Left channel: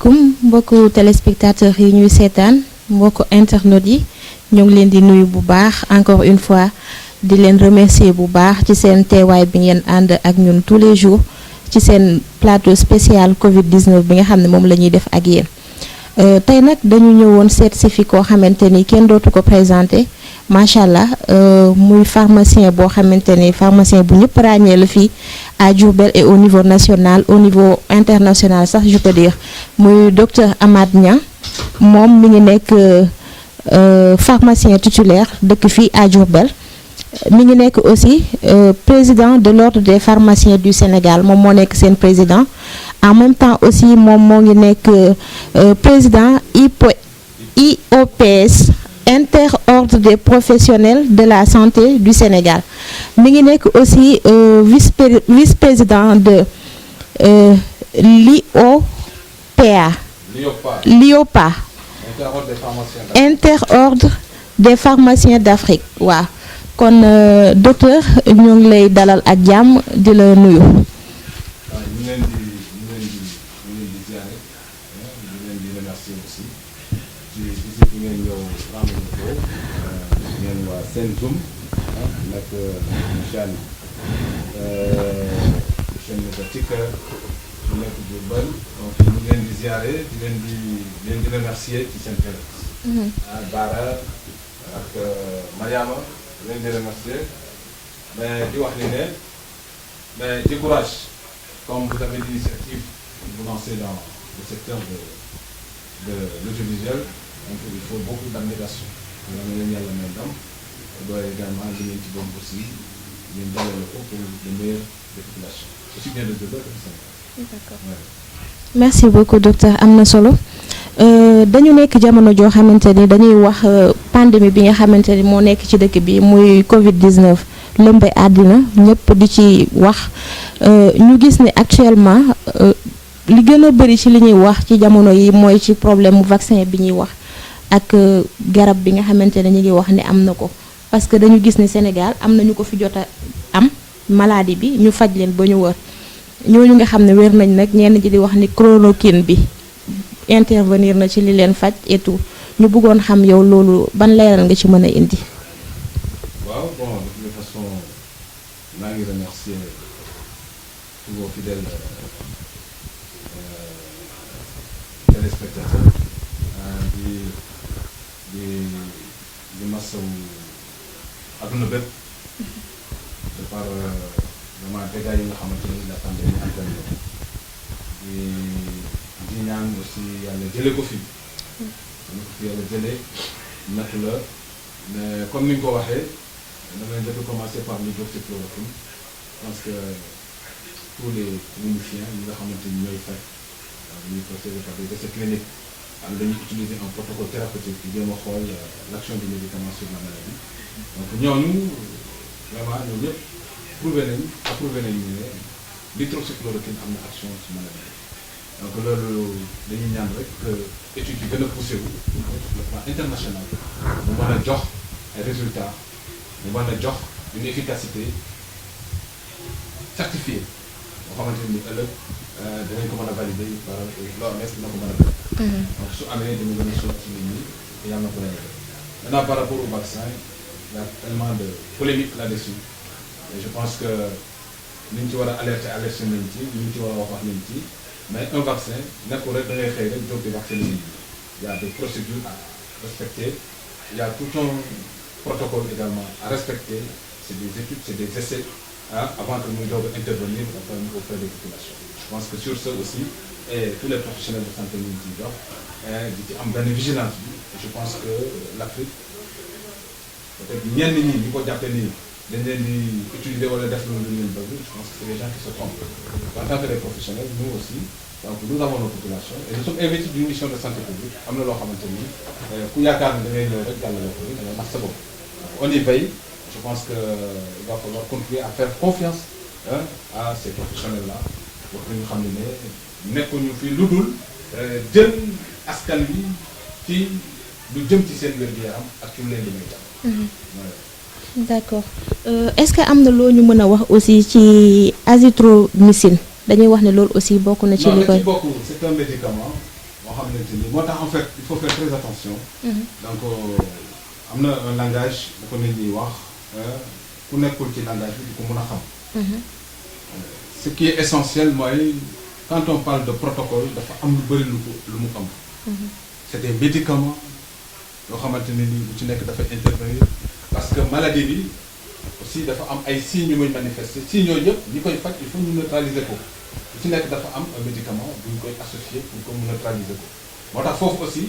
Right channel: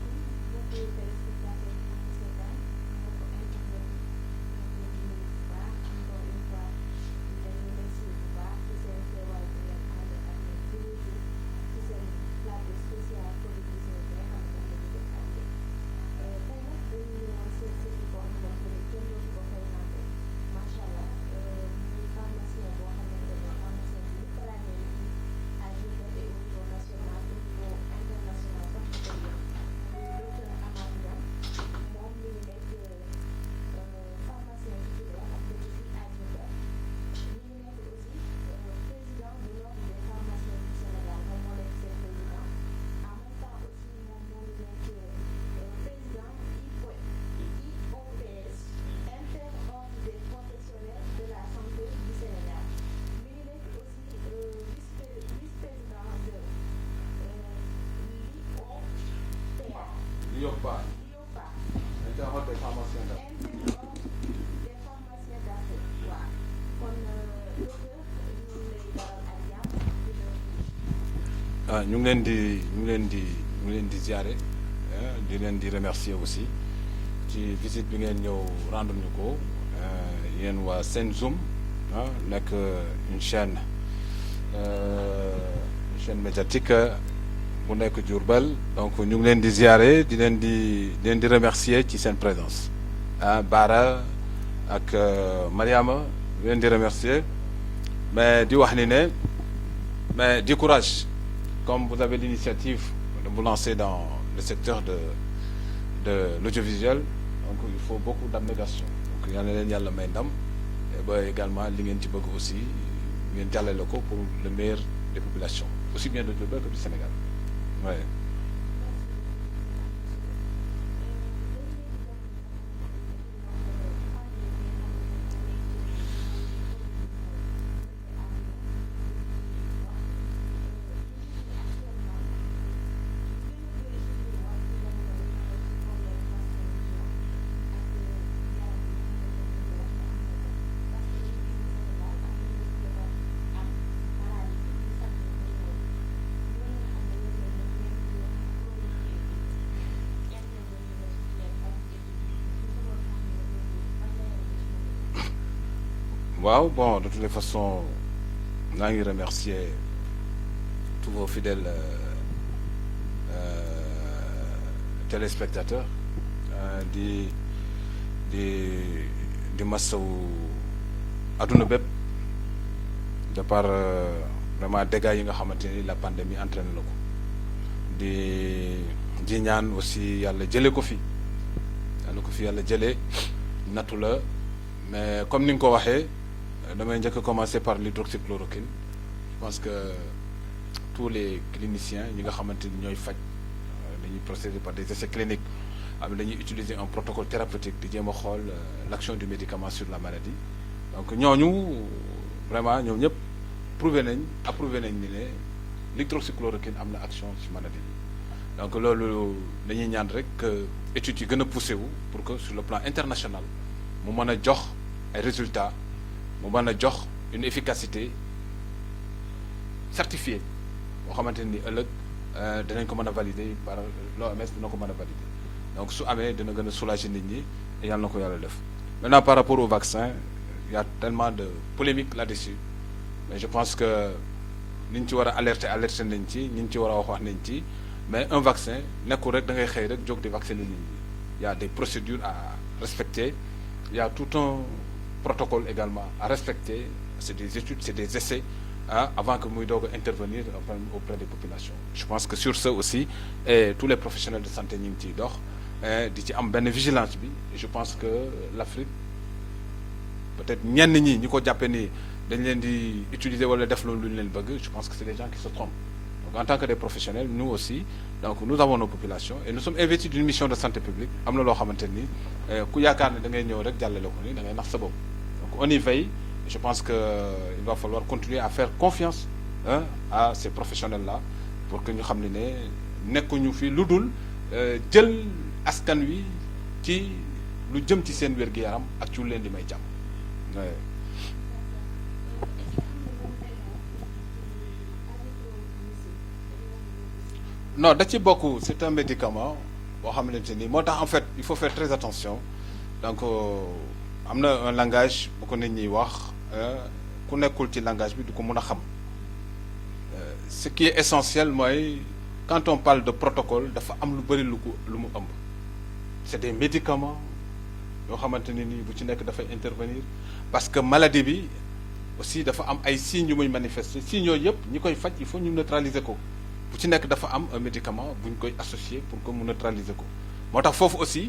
asalaamaaleykum mbokku téléspectateurs yi ñuy seetaan mbokku internautes yi ñoo ngi leen di nuyu bu baax encore une fois di leen remercier bu baax ci seen teewaay bi ngeen ànd ak ñun tous les jours ci seen plateau spécial Covid 19 bi nga xam ne moom la ñuy def ak yéen tey nag dañu ñëwoon seet si fi koo xamante ni kenn dootu ko présenté macha allah muy pharmacien boo xamante ni pharmacien bu ñëpp ràññee la fii à Diourbel et au niveau national au niveau international sax je peux dire muy docteur Amath Niang moom mi ngi nekk pharmacien titulaire dëkk fii à Diourbel mi ngi nekk aussi président de l'ordre des pharmaciens du Sénégal moom moo nekk seen président en même temps aussi moom moo ngi nekk président IOPS interordre des professionnels de la santé du Sénégal mi ngi nekk aussi vice-président de l'IOPA interordre des pharmaciens d'Afrique waaw kon docteur ñu ngi lay dalal ak jàmm di la nuyu. ñu ngi leen di ziare di leen di remercier aussi ci visite bi ngeen ñëw rendre ko yéen waa Senzoom nekk chaîne médiatique bu nekk Diourbel donc ñu ngi leen di ziare di leen di remercier ci seen présence. Bara ak Mariama di leen di remercier mais di wax ni ne mais du courage comme vous avez l'initiative de vous lancer dans le secteur de l'audiovisuel donc il faut beaucoup d'abnégation yàlla leen yàlla may ndam ba également li ngeen ci bëgg aussi ngeen jàllale ko pour le meilleur des populations aussi bien de Diourbel que du Sénégal. D'accord. Ouais. Merci beaucoup docteur am na solo dañu nekk jamono joo xamante ni dañuy wax pandémie bi nga xamante ni moo nekk ci dëkk bi muy Covid 19 lëmbe àddina ñëpp di ci wax ñu gis ne actuellement li gën a bëri ci li ñuy wax ci jamono yi mooy ci problème mu vaccin bi ñuy wax ak garab bi nga xamante ne ñu ngi wax ni am na ko parce que dañu gis ne Sénégal am na ñu ko fi jot a am maladie bi ñu faj leen ba ñu wër ñooñu nga xam ne wér nañ nag ñenn ji di wax ni chloroquine bi intervenir na ci li leen faj et tout ñu bëggoon xam yow loolu ban leeral nga ci mën a indi. waaw bon de toutes les façons maa ngi remercier tous vos fidèles téléspectateurs di masawu adduna bépp de par vraiment dégâts yi nga xamante ni la pandémie entraîne di ñaan aussi yàlla jëlee ko fi yàlla jëlee nattu la mais comme ni nga ko waxee damay njëkk a commencer par l'hydroxychloroquine parce que tous les cliniciens yi nga xamante ni ñooy faj dañuy procéder par des essais cliniques am dañuy utiliser un protocole thérapeutique di jéem a xool l'action du médicament sur la maladie donc ñooñu vraiment ñoom ñëpp approuvé nañ ne l'hydroxychloroquine am na action ci maladie donc loolu dañuy ñaan rek que études yi gën a poussé wu pour que sur le plan international mu mën a jox ay résultats mu mën a jox une efficacité certifiée boo xamante ni ëllëg dinañ ko mën a valider par l'OMS dina ko mën a def. donc su amee dina gën a soulager nit ñi te yàlla na ko yàlla def. maintenant par rapport au vaccin il y a tellement de polémique là-dessus et je pense que ni ñu ci war a alerter nañ ci ni ñu ci war a wax nañ ci. mais un vaccin nekkul rek da ngay xëy rek jóg di vacciner nit ñi il y a des procédures à respecter il y a tout un protocole également à respecter c'est des études c'est des essais avant que muy doog a intervenir auprès des populations. Je pense que sur ce aussi et tous les professionnels de santé ñu ngi ciy dox di ci am benn vigilance bi et je pense que l'Afrique peut-être ñenn ñi ñu ko jàppee ni dañ leen di utiliser wala def loolu lu leen bëgg je pense que c'est des gens qui se trompent en tant que des professionnels nous aussi donc nous avons nos populations et nous sommes investis d'une mission de santé publique am na loo xamante ni ku yaakaar ni da ngay ñëw rek jàllale ko da ngay nax sa bopp on y veille je pense que il va falloir continuer à faire confiance à ces professionnels là pour que ñu xam ne nekkuñu fi lu dul jël askan wi ci lu jëm ci seen wér-gu-yaram ak ci lu leen di may jàpp. D'accord est-ce que am na loo ñu mën a wax aussi ci azithromycine dañuy wax ne loolu aussi bokk na. ci li koy non da ci bokk c'est un médicament boo xamante ni moo tax en fait il faut faire très attention. donc am na un langage bu ko nit ñi wax ku nekkul ci langage bi du ko mën a xam. Ce qui est essentiel mooy quand on parle de protocole dafa am lu bëri lu mu ëmb. c'est des médicaments yoo xamante ne nii bu ci nekk dafay intervenir parce que maladie bi aussi dafa am ay signes yu muy manifester signes yooyu yëpp ñi koy faj il faut ñu neutraliser ko bu ci nekk dafa am un médicament bu ñu koy associer pour que mu neutraliser ko moo tax foofu aussi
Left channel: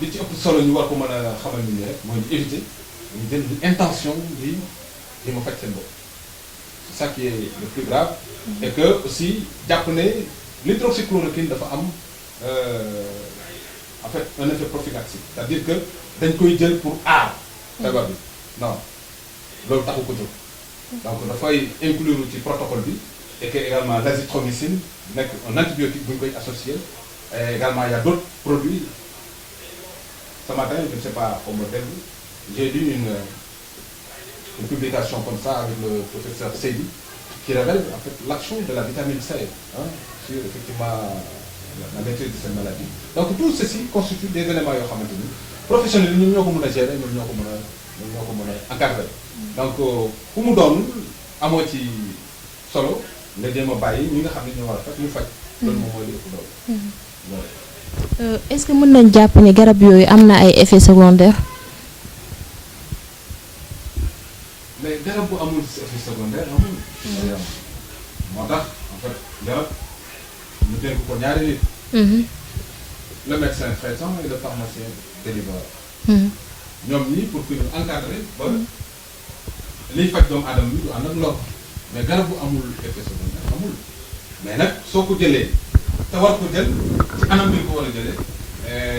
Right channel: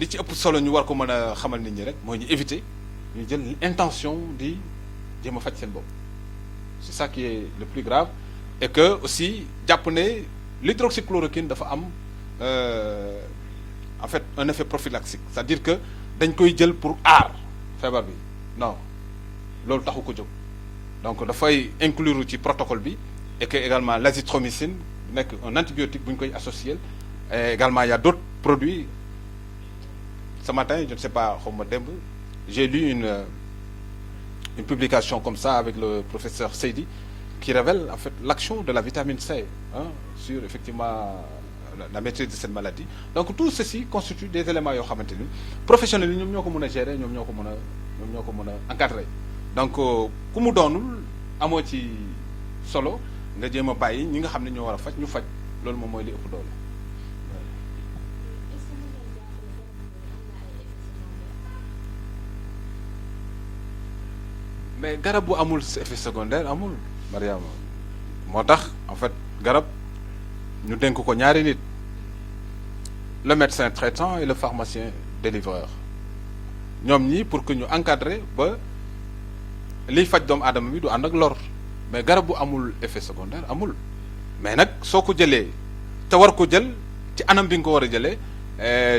li ci ëpp solo ñu war ko mën a xamal nit ñi rek mooy ñu éviter ñu jël intention di ma faj seen bopp c'est ça qui est le plus grave et que aussi jàpp ne l'hydroxychloroquine dafa am en fait un effet prophylaxique c'est-à-dire que dañ koy jël pour aar feebar bi non loolu taxu ko jóg donc dafay inclure ci protocole bi et que également l'azithromycine nekk un antibiotique bu ñu koy associé et également il y a d'autres produits ce matin je ne sais pas xaw ma dégg j'ai lu une publication comme ça avec le professeur Seydi qui révèle en fait l'action de la vitamine C sur effectivement la maîtrise de cette maladie donc tout ceci constitue des éléments yoo xamante ni professionnels yi ñoom ñoo ko mën a gérer ñoom ñoo ko mën a encadrer donc ku mu doon amoo ci solo nga jéem a bàyyi ñi nga xam ne ñoo war a faj ñu faj loolu moom mooy li ëpp doole. Est-ce que mën nañ jàpp ne garab yooyu am na ay effets secondaires. mais garab bu amul effet secondaire amul. Mariam moo tax en fait garab ñu dénk ko ñaari nit. le médecin traitant et le pharmacien délivreur. ñoom ñii pour que ñu encadrer ba liy faj doomu aadama bi du ànd ak lor mais garab bu amul effet secondaire amul mais nag soo ko jëlee te war ko jël ci anam bi nga ko war a jëlee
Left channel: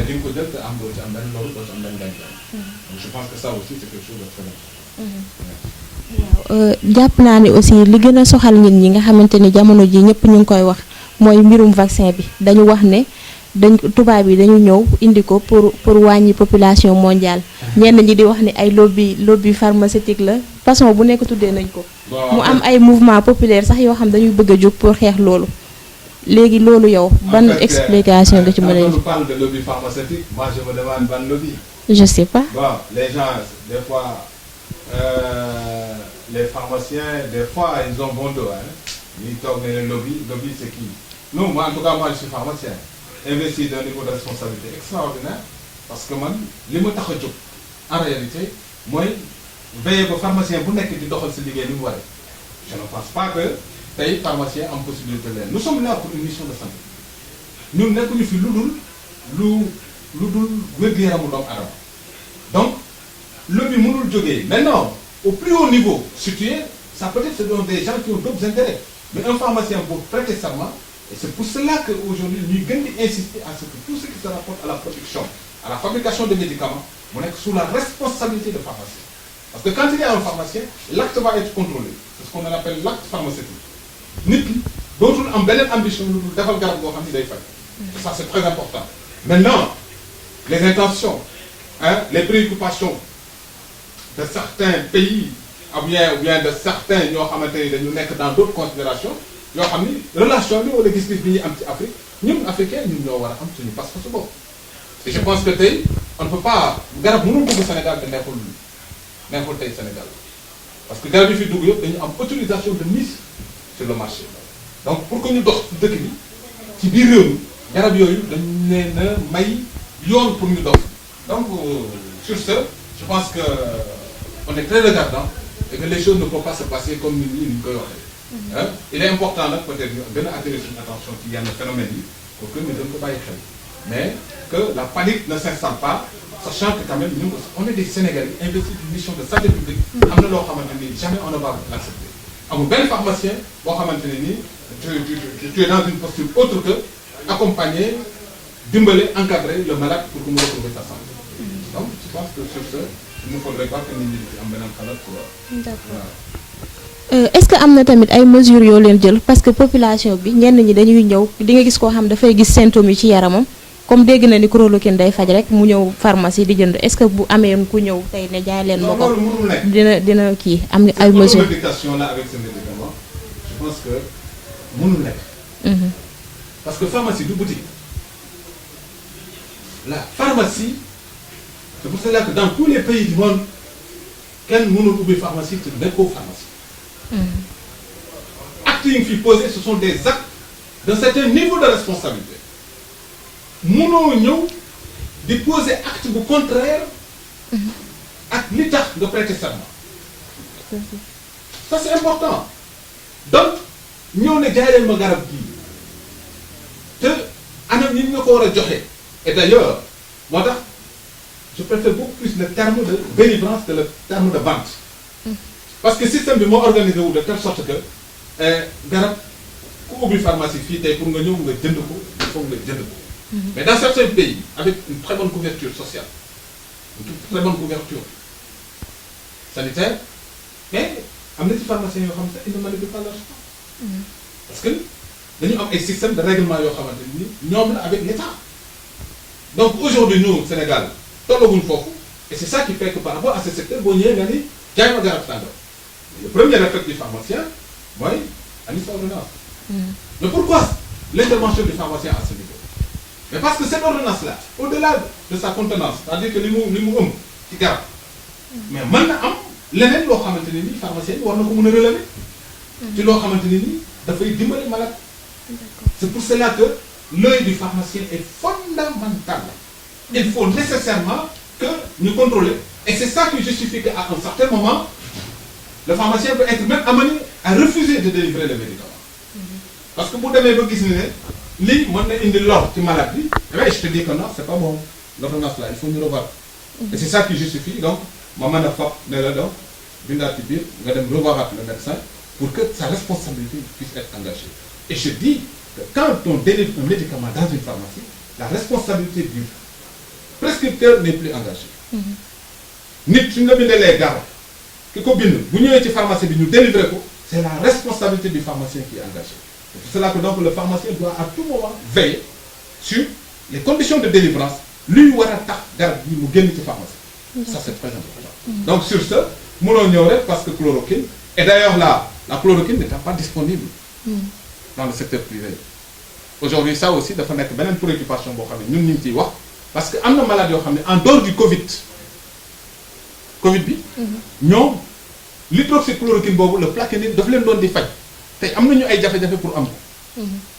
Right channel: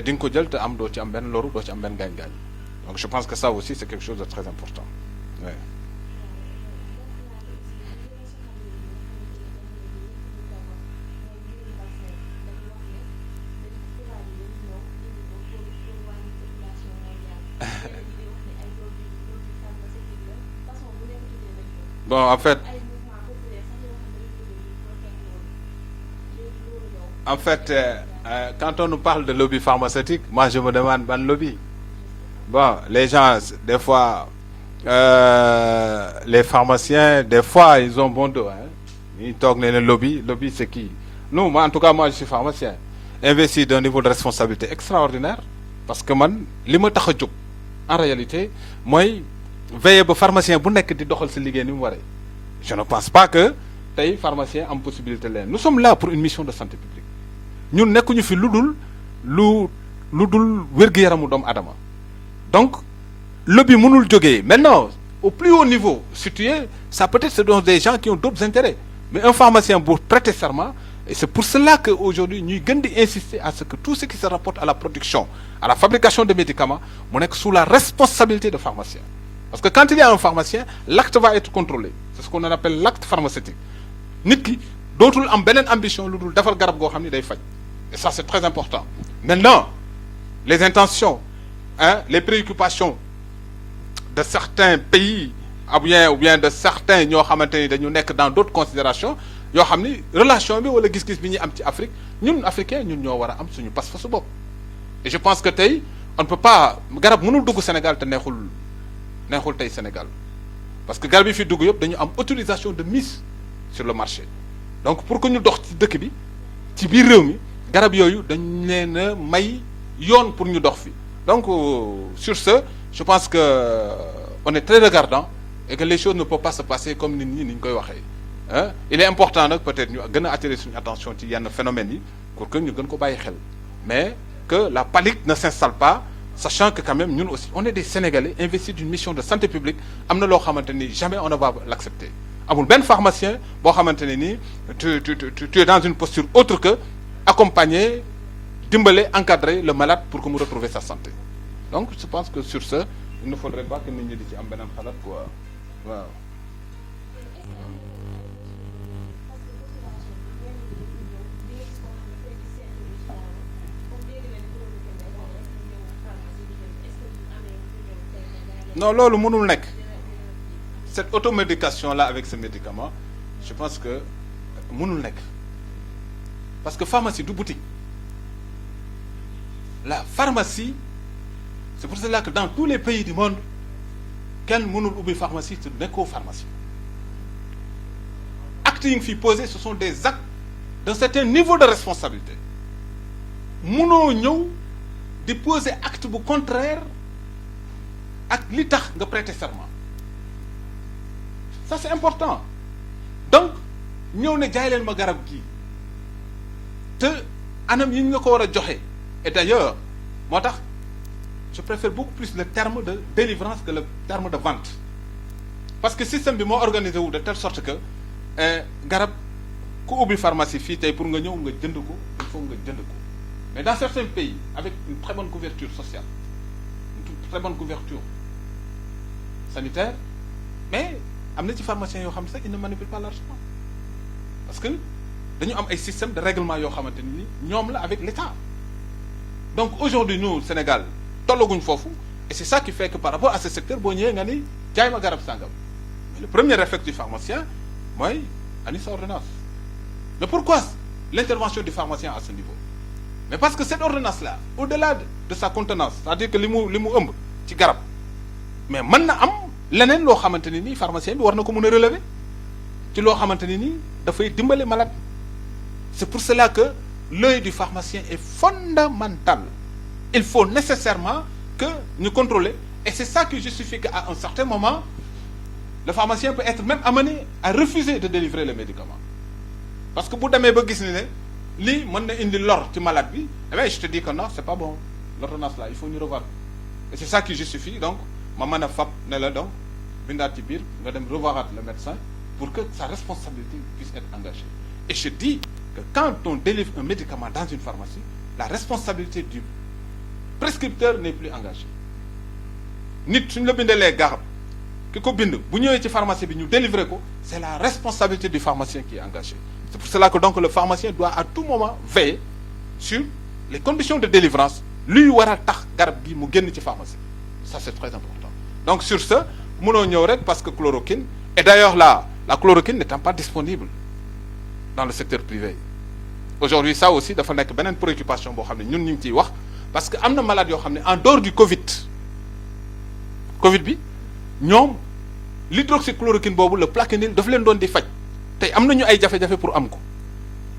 di nga ko jël te doo ci am benn loru doo ci am benn gaañ-gaañ. donc je pense que ça aussi c'est quelque chose de très important. waaw jàpp naa ne aussi li gën a soxal nit ñi nga xamante ni jamono ji ñëpp ñu ngi koy wax mooy mbirum vaccin bi dañu wax ne tubaab yi dañu ñëw indi ko pour wàññi population mondiale ñenn ñi di wax ni ay lobby pharmaceutique la façon bu nekk tuddee nañ ko. mu am ay mouvement populaire sax yoo xam dañuy bëgg a jóg pour xeex loolu. léegi loolu yow ban explication nga ci mën a. quand on parle de lobby pharmaceutique moi je me demande ban lobby. je sais pas. bon les gens des fois les pharmaciens des fois ils ont bon dos ils toog ne lobby c'est qui non moi en tout cas moi je suis pharmacien. investi d'un niveau de responsabilité extraordinaire parce que man li ma tax a jóg en réalité mooy veiller ba pharmacien bu nekk di doxal si liggéey ni mu waree je ne pense pas que tey pharmacien am possibilité leen nous sommes là pour une mission de santé ñun nekkuñu fi lu dul wér-gu-yaramu doomu adama donc lobby mënul jógee maintenant au plus haut niveau situé ça peut-être ce sont des gens qui ont d'autres intérêts mais un pharmacien pour prêter serment. Et c'est pour cela qu'aujourd'hui, nous devons insister à ce que tout ce qui se rapporte à la production, à la fabrication de médicaments, on est sous la responsabilité de pharmacien. Parce que quand il y a un pharmacien, l'acte va être contrôlé. C'est ce qu'on appelle l'acte pharmaceutique. Nit ki dootul am beneen ambition lu dul defal garab goo xam ni day faj. Et ça c'est très important. Maintenant, les intentions, les préoccupations de certains pays, ou bien de certains ñoo xamante ni dañu nekk dans d'autres considérations. yoo xam ni relation bi wala gis-gis bi ñuy am ci Afrique ñun africain ñun ñoo war a am suñu pas-pas su bopp et je pense que tey on ne peut pas garab mënul dugg Sénégal te neexul tey Sénégal parce que garab yi fi dugg yëpp dañu am autorisation de mise sur le marché donc pour que ñu dox dëkk bi ci biir réew mi garab yooyu dañ leen a may yoon pour ñu dox fi donc sur ce je pense que on est très regardant et que les choses ne peuvent pas se passer comme nit ñi ni ñu koy waxee. Il est important nag peut-être ñu gën a attirer suñu attention ci yenn phénomènes yi pour que ñu gën ko bàyyi xel mais que la panique ne s'installe pas sachant que quand même ñun aussi on est des Sénégalais investis d'une mission de santé publique am na loo xamante ni jamais on ne va l'accepter amul benn pharmacien boo xamante ne ni tu es dans une posture autre que accompagner dimbale encadrer le malade pour que mu retrouver sa santé donc je pense que sur ce il ne faudrait pas que nit ñi di ci am beneen xalaat quoi. D'accord. Est-ce que am na tamit ay mesures yoo leen jël parce que population bi ñenn ñi dañuy ñëw di nga gis koo xam dafay gis symptômes yi ci yaramam comme dégg na ni chloroquine day faj rek mu ñëw pharmacie di jënd est-ce que bu amee ku ñëw tey ne jaay leen. non loolu mënul nekk dina kii am ay mesures. cette automédication là avec ce médicament je pense que mënul nekk. parce que pharmacie du boutique la pharmacie, c'est pour cela que dans tous les pays du monde, kenn mënul ubbi pharmacie te nekkoo pharmacie. Actes yi nga fi posé, ce sont des actes d'un certain niveau de responsabilité. Mënoo ñëw di poser acte bu contraire ak li tax nga prêter serment. Ça c'est important. Donc ñëw ne jaay leen ma garab gii te anam yi nga ko war a joxe. Et d'ailleurs moo tax je préfère beaucoup plus le terme de délivrance que le terme de vente. Parce que système bi moo organisé wu de telle sorte que garab ku ubbi pharmacie fii tey pour nga ñëw nga jënd ko il faut nga jënd ko. Mais dans certains pays avec une très bonne couverture sociale, une très bonne couverture sanitaire, mais am na ci pharmaciens yoo xam sax ils ne manipulent pas l'argent. Parce que dañu am ay système de règlement yoo xamante ni ñoom la avec l'État. Donc aujourd'hui nous au Sénégal tollaguñ foofu et c'est ça qui fait que par rapport à ce secteur boo ñëwee nga ni jaay ma garab sàngam. Le premier réflexe du pharmacien mooy ani sa ordonnance. Mais pourquoi l'intervention du pharmacien à ce niveau? Mais parce que cette ordonnance-là, au-delà de sa contenance, c'est-à-dire que li mu ëmb ci garab, mais mën na am leneen loo xamante ne nii pharmacien bi war na ko mën a relever. ci loo xamante ne nii dafay dimbali malade. C'est pour cela que l'œil du pharmacien est fondamental. Il faut nécessairement que nous contrôlions. Et c'est ça qui justifie qu'à un certain moment, le pharmacien peut être même amené à refuser de délivrer les médicaments. Parce que pour demee ba gis ne lii mën na indi lor ci malade bi, mais je te dis que non, c'est pas bon. L'ordonnance là, il faut ñu revoir. Et c'est ça qui justifie donc ma mën a fab ne la donc bindaat ci biir nga dem revoir le médecin pour que sa responsabilité puisse être engagée. Et je dis que quand on délivre un médicament dans une pharmacie, la responsabilité du prescripteur n'est plus engagée. Nit suñu la bindalee garab ki ko bind bu ñëwee ci pharmacie bi ñu délivrer ko, c'est la responsabilité du pharmacien qui est engagée. C'est pour cela que donc le pharmacien doit à tout moment veiller sur les conditions de délivrance luy war a tax garab bi mu génn ci pharmacie. Ça c'est très important. Donc sur ce mënoo ñëw rek parce que chloroquine, et d'ailleurs la chloroquine n'étant pas disponible dans le secteur privé. Aujourd'hui ça aussi dafa nekk beneen préoccupation boo xam ne ñun ñu ngi ciy wax parce que am na malade yoo xam ne en dehors du Covid bi ñoom l'hydroxychloroquine boobu le plaquenil daf leen doon di faj tey am nañu ay jafe-jafe pour am ko.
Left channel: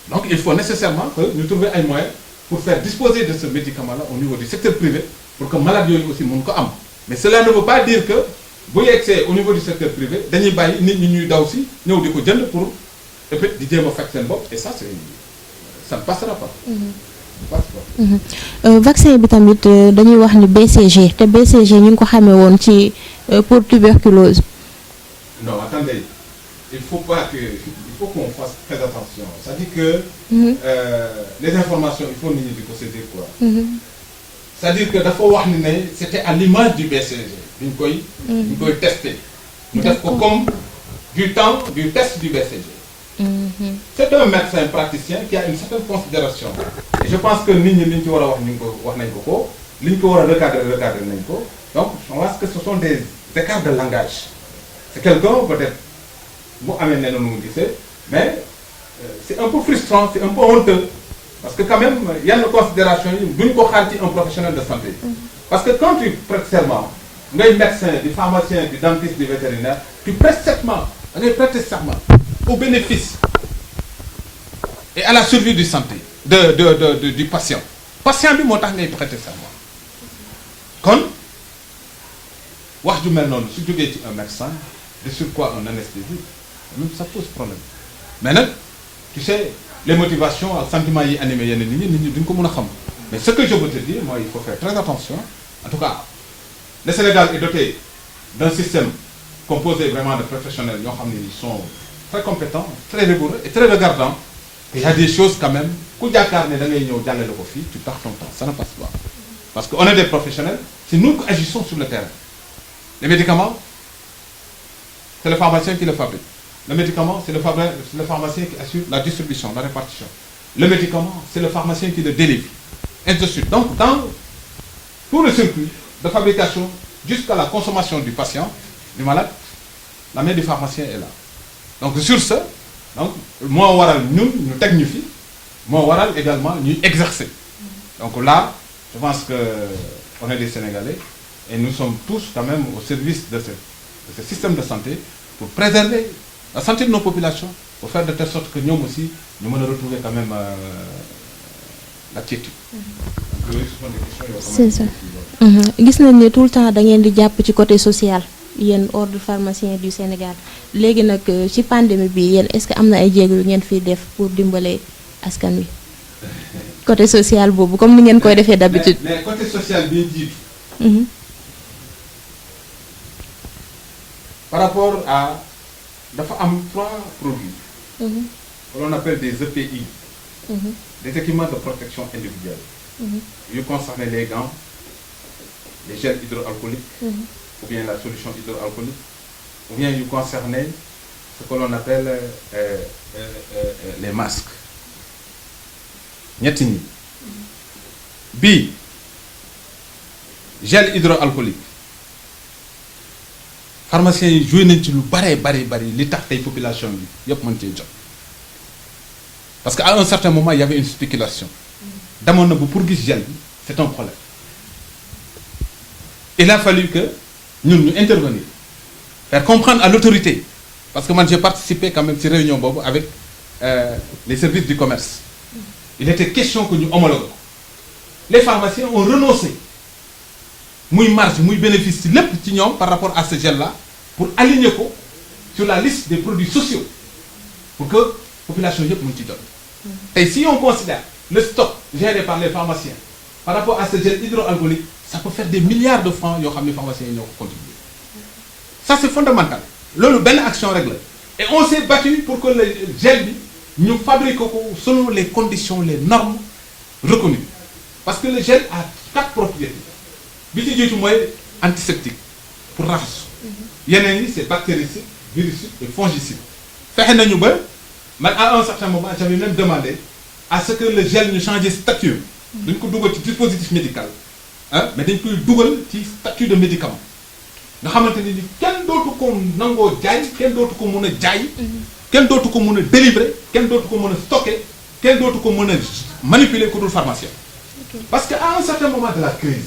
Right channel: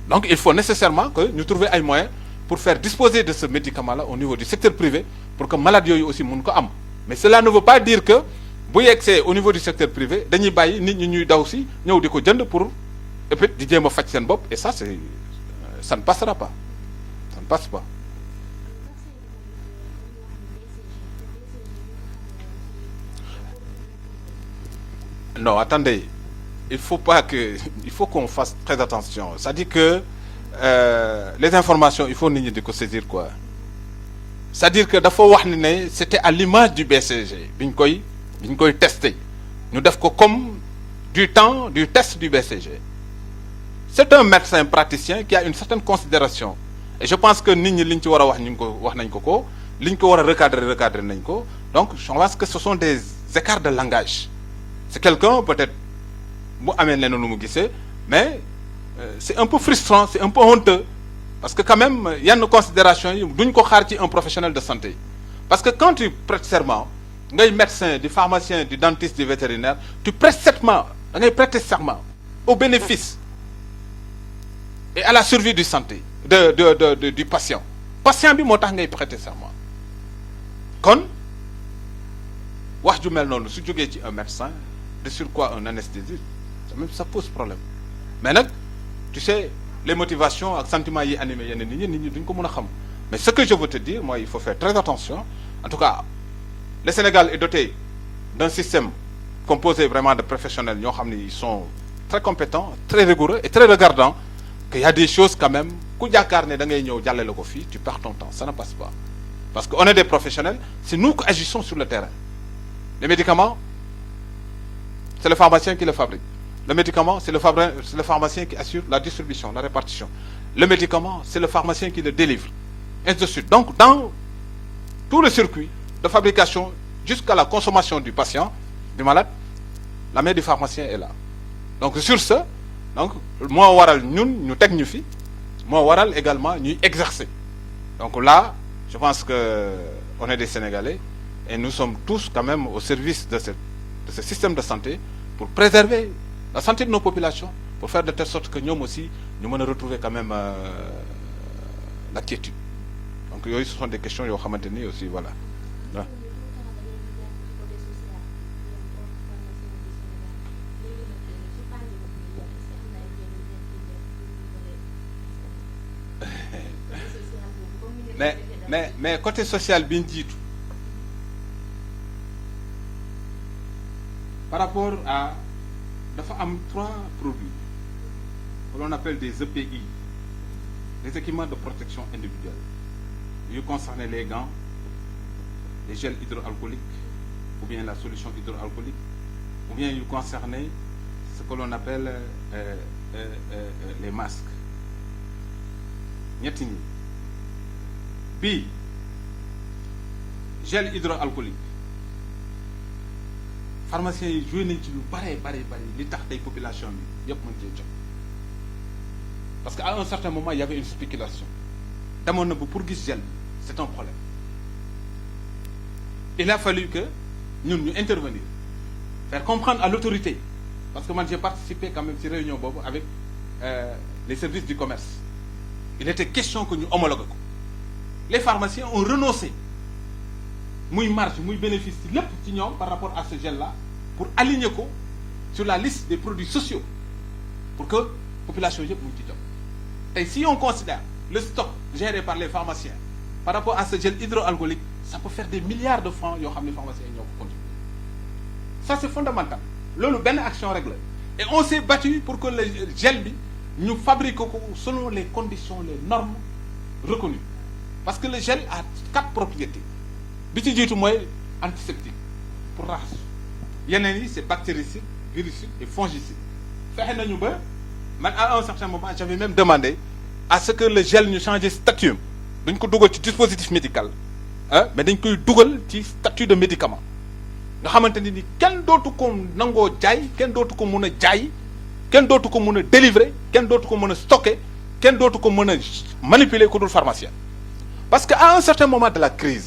Donc il faut nécessairement que ñu trouver ay moyens pour faire disposer de ce médicament-là au niveau du secteur privé pour que malade yooyu aussi mun ko am. Mais cela ne veut pas dire que bu yegsee au niveau du secteur privé dañuy bàyyi nit ñi ñuy daw si ñëw di ko jënd pour peut-être di jéem a faj seen bopp et ça ne passera pas. Ça ne passe pas. Vaccin bi tamit dañuy wax ni BCG te BCG ñu ngi ko xamee woon ci pour tuberculose. Non, attendez, il faut qu'on fasse très attention. C'est-à-dire que les informations, il faut nit ñi di ko saisir quoi. C'est-à-dire que dafa wax ni ne c'était à l'image du BCG bi ñu koy testé. ñu def ko comme du temps du test du BCG. C'est un médecin praticien qui a une certaine considération. Et je pense que nit ñi li ñu ci war a wax ñu ko wax nañ ko li ñu ko war a recadrer nañ ko. Donc je pense que ce sont des écarts de langage. C'est quelqu'un peut-être bu amee leneen lu mu gisee mais c'est un peu frustrant, c'est un peu honteux parce que quand même yenn considération yi duñ ko xaar ci un professionnel de santé. Parce que quand tu prêtes serment ngay médecin du pharmacien du dentiste du vétérinaire tu prêtes serment da ngay prêter serment au bénéfice et à la survie du santé du patient. Patient bi moo tax ngay prêter serment kon wax ju mel noonu su jógee ci un médecin de surcroît un anesthésiste même ça pose problème mais nag tu sais les motivations ak sentiments yi animé yenn nit ñi duñ ko mën a xam mais ce que je veux te dire mooy il faut faire très attention en tout cas le Sénégal est doté d'un système composé vraiment de professionnels yoo xam ne ils sont très compétents très rigoureux et très regardants qu'il y a des choses quand même ku jàkkaar ne da ngay ñëw jàllale ko fii tu perds ton temps ça ne passe pas parce que on est des professionnels c'est nous qui agissons sur le terrain. Les médicaments c'est le pharmacien qui le fabrique. Le médicament c'est le pharmacien qui assure la distribution, la répartition. Le médicament c'est le pharmacien qui le délivre, et ainsi de suite. Donc dans tout le circuit de fabrication jusqu'à la consommation du patient, du malade, la main du pharmacien est là. Donc sur ce, donc moo waral ñun ñu teg ñu fi moo waral également ñuy exercer. Donc là Je pense qu'on est des Sénégalais et nous sommes tous quand même au service de ce système de santé pour préserver la santé de nos populations, pour faire de telle sorte que nous aussi, nous allons retrouver quand même la quiétude. Donc, ce sont des questions c'est ça. Voilà. Gis nañ ne tout le temps da ngeen di jàpp ci côté social yéen ordre pharmacien du Sénégal léegi nag ci pandémie bi yéen est-ce que am na ay jéego yu ngeen fiy def pour dimbale askan wi côté social boobu comme ni ngeen koy defee d'habitude. Mais côté social bien dit. Par rapport à dafa am 3 produits que l'on appelle des EPI, des équipements de protection individuelle. Ils concernent les gants, les gels hydroalcooliques, ou bien la solution hydroalcoolique, ou bien ils concernaient ce que l'on appelle les masques. ñetti ñi bii gel hydroalcoolique pharmaciens yi joué nañ ci lu bari li tax tey population bi yëpp mën cee jot parce que à un certain moment il y avait une spéculation demoon na bu pour gis gel bi c'est un problème il a fallu que ñun ñu intervenir faire comprendre à l'autorité parce que moi j'ai participé quand même ci réunion boobu avec les services du commerce. Il était question que nous homologuons. Les pharmaciens ont renoncé muy marge muy bénéfice ci lépp ci ñoom par rapport à ce gel-là pour aligner ko sur la liste des produits sociaux pour que population yëpp mën ci jot. Tey si on considère le stock géré par les pharmaciens par rapport à ce gel hydroalcoolique ça peut faire des milliards de francs yoo xam ne pharmaciens yi ñoo ko contribuer. Ça c'est fondamental loolu benn action rek la et on s'est battu pour que le gel bi nous fabriquons selon les conditions, les normes reconnues. Parce que le gel a 4 propriétés. Le premier est antiseptique, pour race. Il y en a une, c'est bactéricide, virucide et fongicide. À un certain moment, j'avais même demandé à ce que le gel ne change de statut. Donc, on a un dispositif médical. Mais on a un statut de médicament. Nous avons dit quel d'autre qu'on n'a quel d'autre qu'on a kenn dootu ko mën a délivrer kenn dootu ko mën a stocker kenn dootu ko mën a manipuler ku dul pharmacien. Parce qu'à un certain moment de la crise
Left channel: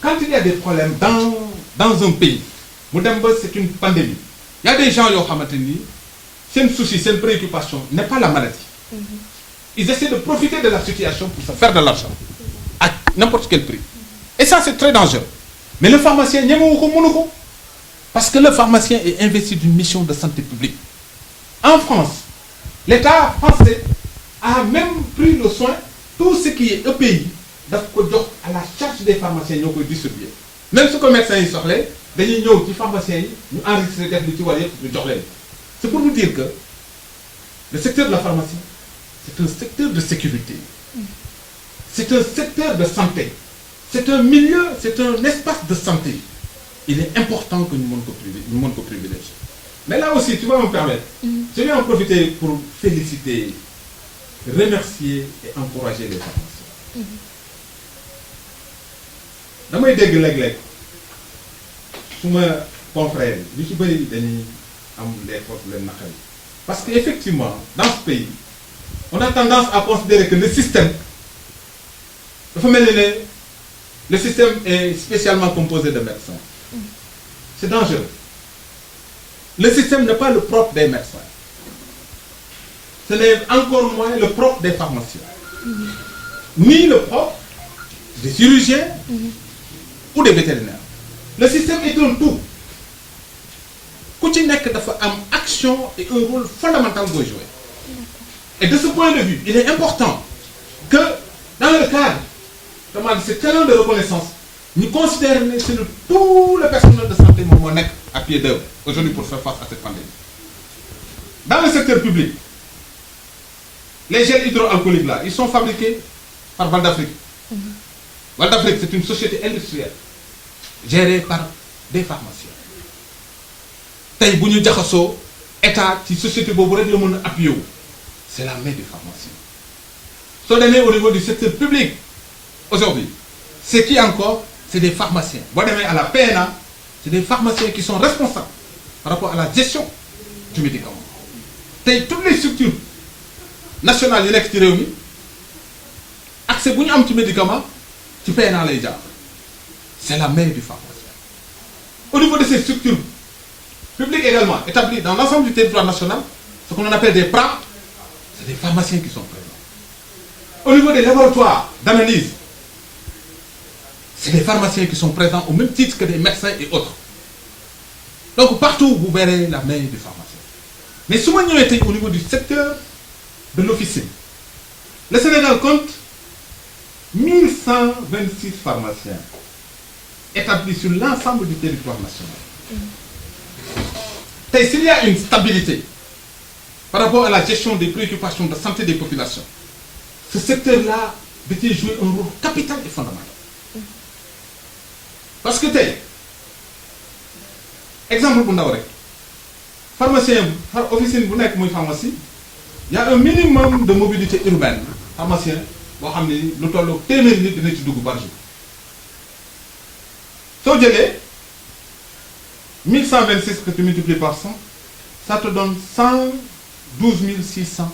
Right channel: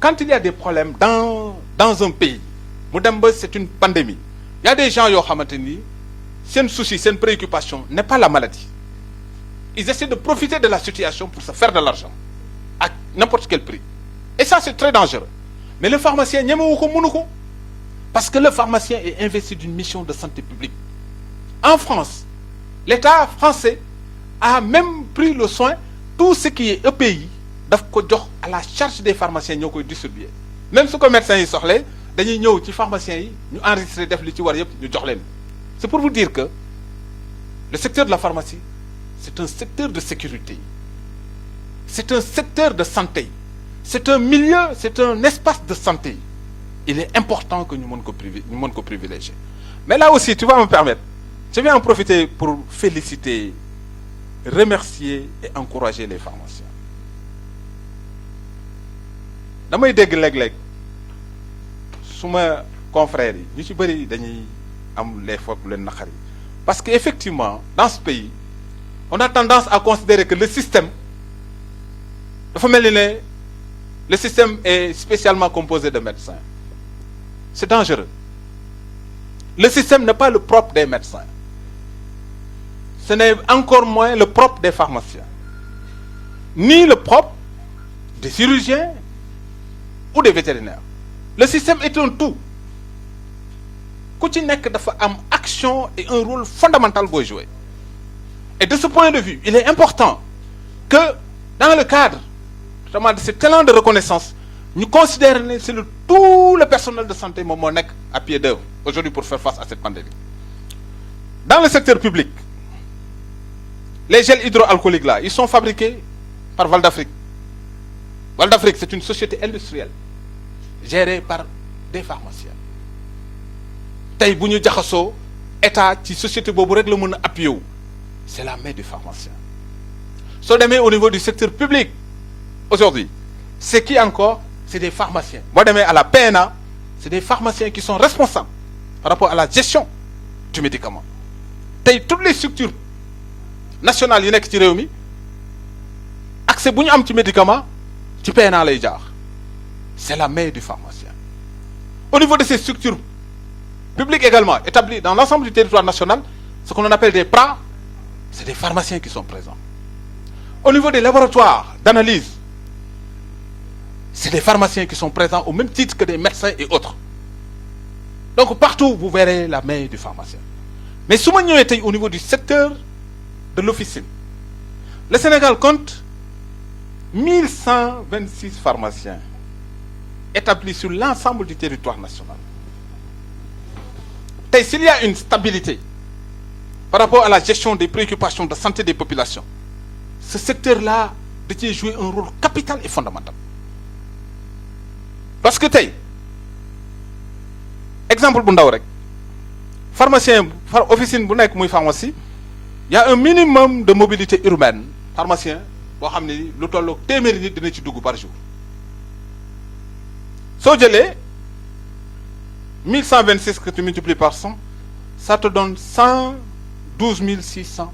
quand il y a des problèmes dans un pays mu dem ba c'est une pandémie il y a des gens yoo xamante ni seen souci seen préoccupation n'est pas la maladie. Ils essaient de profiter de la situation pour se faire de l'argent à n'importe quel prix et ça c'est très dangereux mais le pharmacien ñemewu ko mënu ko parce que le pharmacien est investi d'une mission de santé publique. En France, l'État français a même pris le soin, tout ce qui est EPI, à la charge des pharmaciens qui distribuer. Même si les médecins sont là, les pharmaciens nous enregistrent les c'est pour vous dire que le secteur de la pharmacie, c'est un secteur de sécurité. C'est un secteur de santé. C'est un milieu, c'est un espace de santé. Il est important que nous privilégier. Mais là aussi, tu vas me permettre, je vais en profiter pour féliciter, remercier et encourager les pharmaciens. Damay dégg léeg-léeg suma confrères yi ñu ci bëri dañuy am les fautes leen naqar yi parce que effectivement dans ce pays on a tendance à considérer que le système dafa mel ni le système est spécialement composé de médecins. C'est dangereux. Le système n'est pas le propre des médecins. Ce n'est encore moins le propre des pharmaciens. Ni le propre des chirurgiens ou des vétérinaires. Le système est un tout. Ku ci nekk dafa am action et un rôle fondamental pour jouer. Et de ce point de vue, il est important que dans le cadre de cet élan de reconnaissance, nous considérons que tout le personnel de santé à pied d'œuvre aujourd'hui pour faire face à cette pandémie. Dans le secteur public, les gels hydroalcooliques là, ils sont fabriqués par Val d'Afrique. Val d'Afrique, c'est une société industrielle gérée par des pharmaciens. Tay bu ñu jaxasoo état ci société boobu rek la mën a appuyer wu c'est la main des pharmaciens. Soo demee au niveau du secteur public aujourd'hui c'est qui encore? C'est des pharmaciens. Boo demee à la PNA, c'est des pharmaciens qui sont responsables par rapport à la gestion du médicament. Tey toutes les structures nationales yu nekk ci réew mi accès bu ñu am ci médicament ci PNA lay jaar c'est la main du pharmacien. Au niveau de ces structures publiques également établies dans l'ensemble du territoire national, ce qu'on appelle des PRA, c'est des pharmaciens qui sont présents. Au niveau des laboratoires d'analyse, c'est des pharmaciens qui sont présents au même titre que des médecins et autres. Donc partout vous verrez la main du pharmacien. Mais su ma ñëwee tey au niveau du secteur de l'officine, le Sénégal compte 1126 pharmaciens établis sur l'ensemble du territoire national. Tey s'il y a une stabilité par rapport à la gestion des préoccupations de santé des populations, ce secteur-là da ciy jouer un rôle capital et fondamental. Parce que tey exemple bu ndaw rek pharmacien officine bu nekk muy pharmacie, il y a un minimum de mobilité urbaine pharmacien boo xam ne lu tolloog téeméeri nit dina ci dugg par jour. Soo jëlee 1126 que tu multiplies par 100, ça te donne 112 600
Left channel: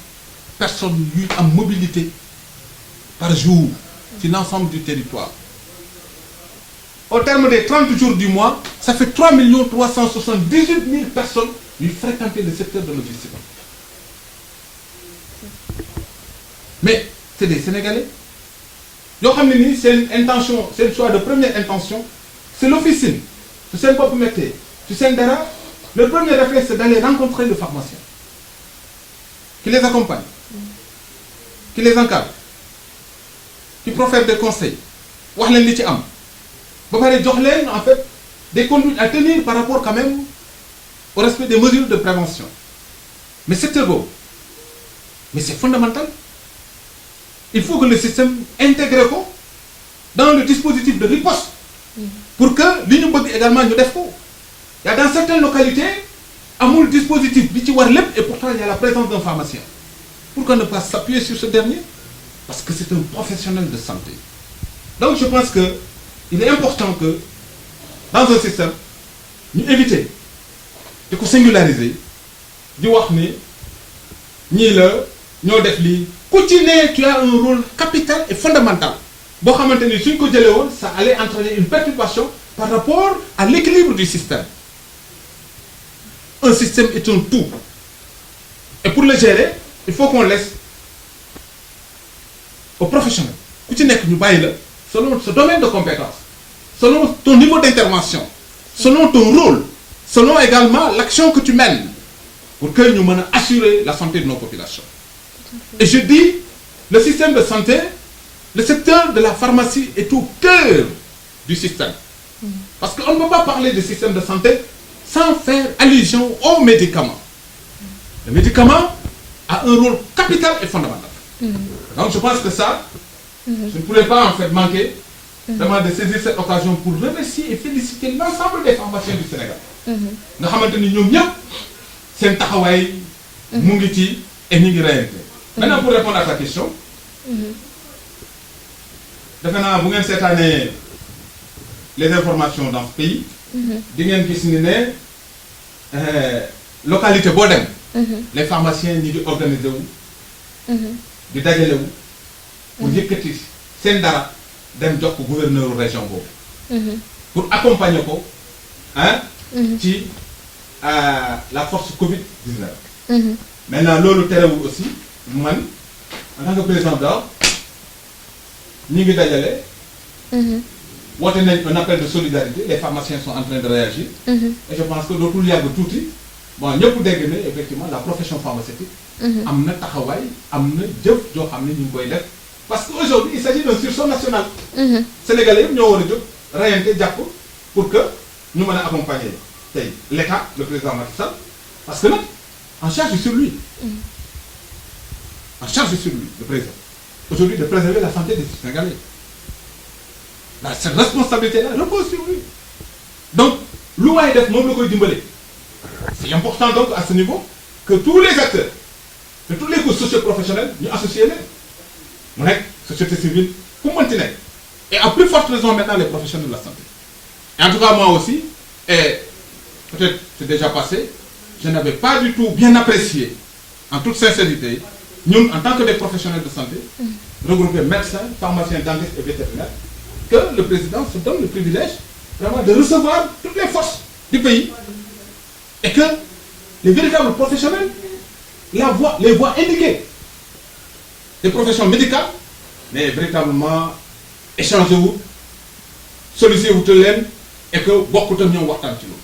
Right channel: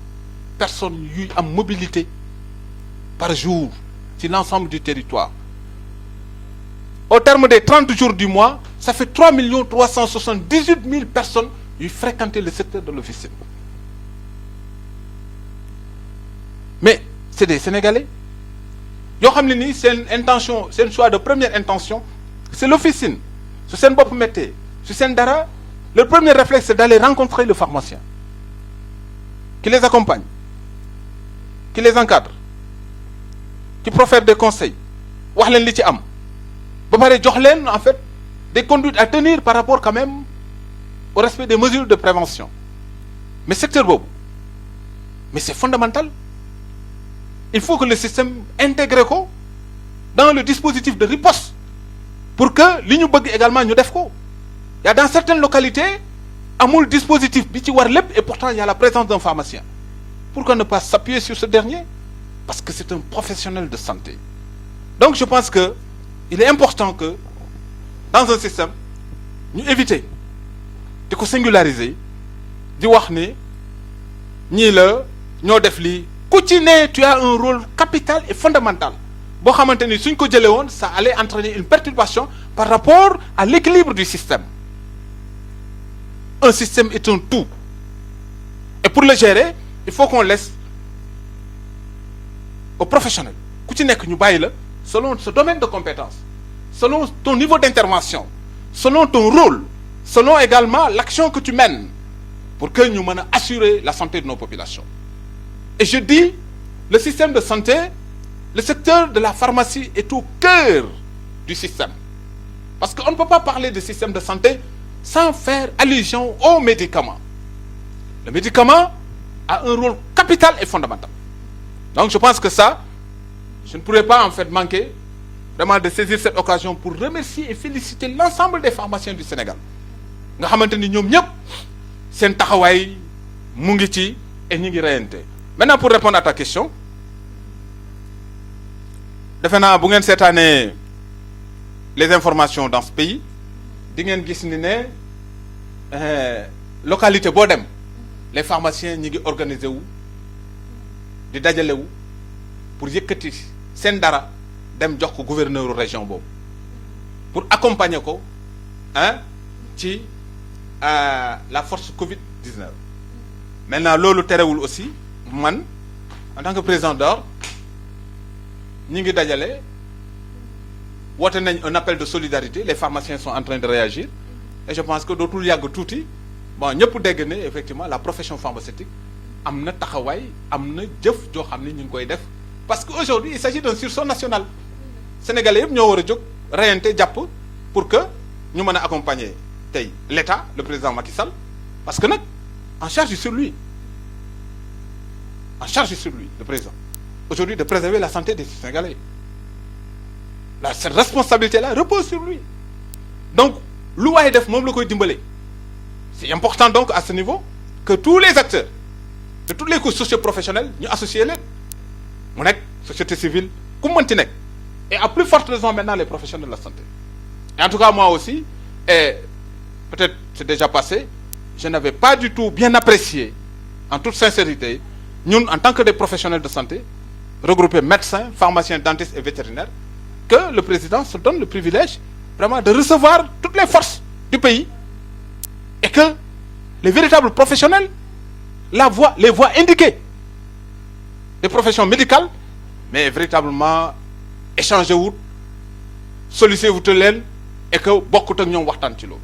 personnes yuy am mobilité par jour ci l'ensemble du territoire. Au terme des 30 jours du mois, ça fait 3 378 000 personnes qui fréquentent le secteur de l'officine. Mais c'est des Sénégalais. C'est une intention, c'est le choix de première intention. C'est l'officine. C'est un peu métier. C'est un dara. Le premier réflexe, c'est d'aller rencontrer le pharmacien, qui les accompagne, qui les encadre, qui profère des conseils. Wax leen li ci am. Ba pare jox leen en fait des conduites à tenir par rapport quand même au respect des mesures de prévention. Mais secteur boobu, mais c'est fondamental. Il faut que le système intègre ko dans le dispositif de riposte pour que li ñu bëgg également ñu def ko. Il y a dans certaines localités amul dispositif bi ci war lépp et pourtant il y a la présence d'un pharmacien. Pourquoi ne pas s'appuyer sur ce dernier? Parce que c'est un professionnel de santé. Donc je pense que il est important que dans un système ñu éviter di ko singulariser di wax ni ñii la ñoo def lii ku ci ne tu as un rôle capital et fondamental boo xamante ni suñ ko jëlee woon ça allait entraîner une perturbation par rapport à l'équilibre du système. Un système est un tout et pour le gérer il faut qu'on laisse aux professionnels ku ci nekk ñu bàyyi la selon ce domaine de compétence, selon ton niveau d'intervention, selon ton rôle, selon également l'action que tu mènes pour que nous puissions assurer la santé de nos populations. Et je dis, le système de santé, le secteur de la pharmacie est au cœur du système. Parce qu'on ne peut pas parler de système de santé sans faire allusion aux médicaments. Le médicament a un rôle capital et fondamental. Donc je pense que ça, je ne pourrais pas en fait manquer vraiment de saisir cette occasion pour remercier et féliciter l'ensemble des pharmaciens du Sénégal. Nga xamante ni ñoom ñëpp seen taxawaay mu ngi ci et ñu ngi reyante. Maintenant pour répondre à ta question, defe naa bu ngeen seetaanee les informations dans ce pays, di ngeen gis ni ne localité boo dem, les pharmaciens ñi ngi organiser wu, di dajale wu pour yëkkati seen dara dem jox ko gouverneur région boobu pour accompagner ko ci la force Covid-19. Maintenant loolu terewul aussi man en tant que président d'ordre ñi ngi dajale woote nañ un appel de solidarité, les pharmaciens sont en train de réagir et je pense que dootul yàgg tuuti bon ñëpp dégg ne effectivement la profession pharmaceutique am na taxawaay am na jëf joo xam ne ñu ngi koy def parce que aujourd'hui il s'agit d'un sursaut national. Sénégalais yëpp ñoo war a jóg reyante jàpp pour que ñu mën a accompagner tey l'État, le président Macky Sall, parce que nag en charge sur lui. En charge sur lui, le président. Aujourd'hui de préserver la santé des Sénégalais. Cette responsabilité-là repose sur lui. Donc lu waay def moom la koy dimbale. C'est important donc à ce niveau que tous les acteurs de toutes les couches socio-professionnelles ñu associer leen mu nekk société civile ku mënti nekk et à plus forte raison maintenant les professionnels de la santé. Et en tout cas moi aussi et peut-être c'est déjà passé, je n'avais pas du tout bien apprécié en toute sincérité ñun en tant que des professionnels de santé regroupés médecins, pharmaciens, dentistes et vétérinaires que le président se donne le privilège vraiment de recevoir toutes les forces du pays et que les véritables professionnels les voient indiquées, les professions médicales, mais véritablement échanger wu solliciter wu leen et que bokkut ak ñoom waxtaan ci loolu